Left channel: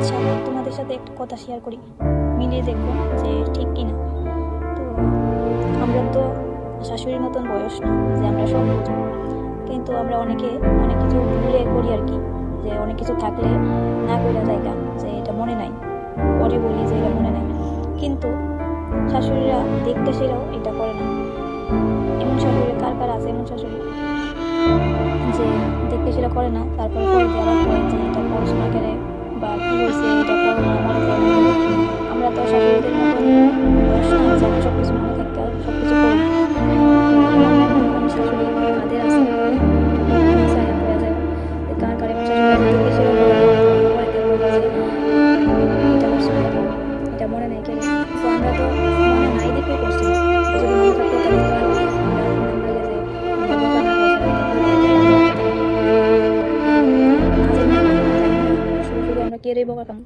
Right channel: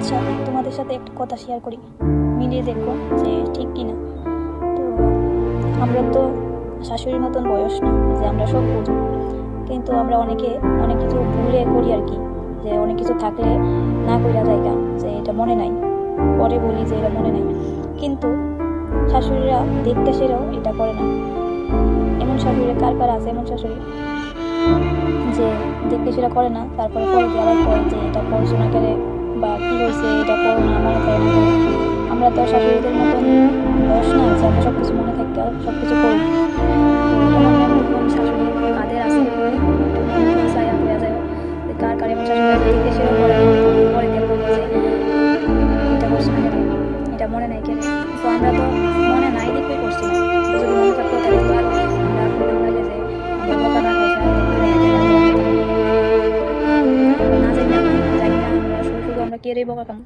আচ্ছা, তোমাদের সাথে একটা কথা শেয়ার করি, মিলিয়ে দেখো যে ঠিক কিনা। তো আমরা তো শাশুড়ির মতন বয়স না যে আমরা সব বুঝবো, কিন্তু আমরা অনেকে অনেক কিছু ভুলে করি আর কি। যে অনেক কিছু থাকলে না করা জায়গা, যে এটা মনে নাই, পরে বলি যে এটা মনে নাই। কিন্তু শাশুড়িরা দেখতে সেরাও এটা করে না। এমন শাশুড়ি কার কার আছে? এমন শাশুড়ি যে দেখতে সেটা করে না, তারপরে পরে বলার পর যে এটা পড়াশোনা করে বা কি হয়েছে এটা করো না, মনে করো না। আমরা তো শাশুড়িদের মতন বয়স নেই যে আমরা সবকিছু মনে থাকতে আর সবকিছু করি। তো এমন এমন শাশুড়ি কাঁধে আসলে পরে তুমি সাইড হয়ে যাও যে কার কার এমন শাশুড়ি আছে দেখতে সেটা করে না, পরে দেখবো যে এটা করছে না, এটা মনে নাই কেন। তো আমরা তো মনে নাই দেখে করছি না। যদি মনে থাকতো তাহলে তো আর আমরা এরকম হয়ে যায় যে আমরা মজা না খাই আমরা না জানি না, আমরা শুরু করবো আমরা কে রে বোকা কাম।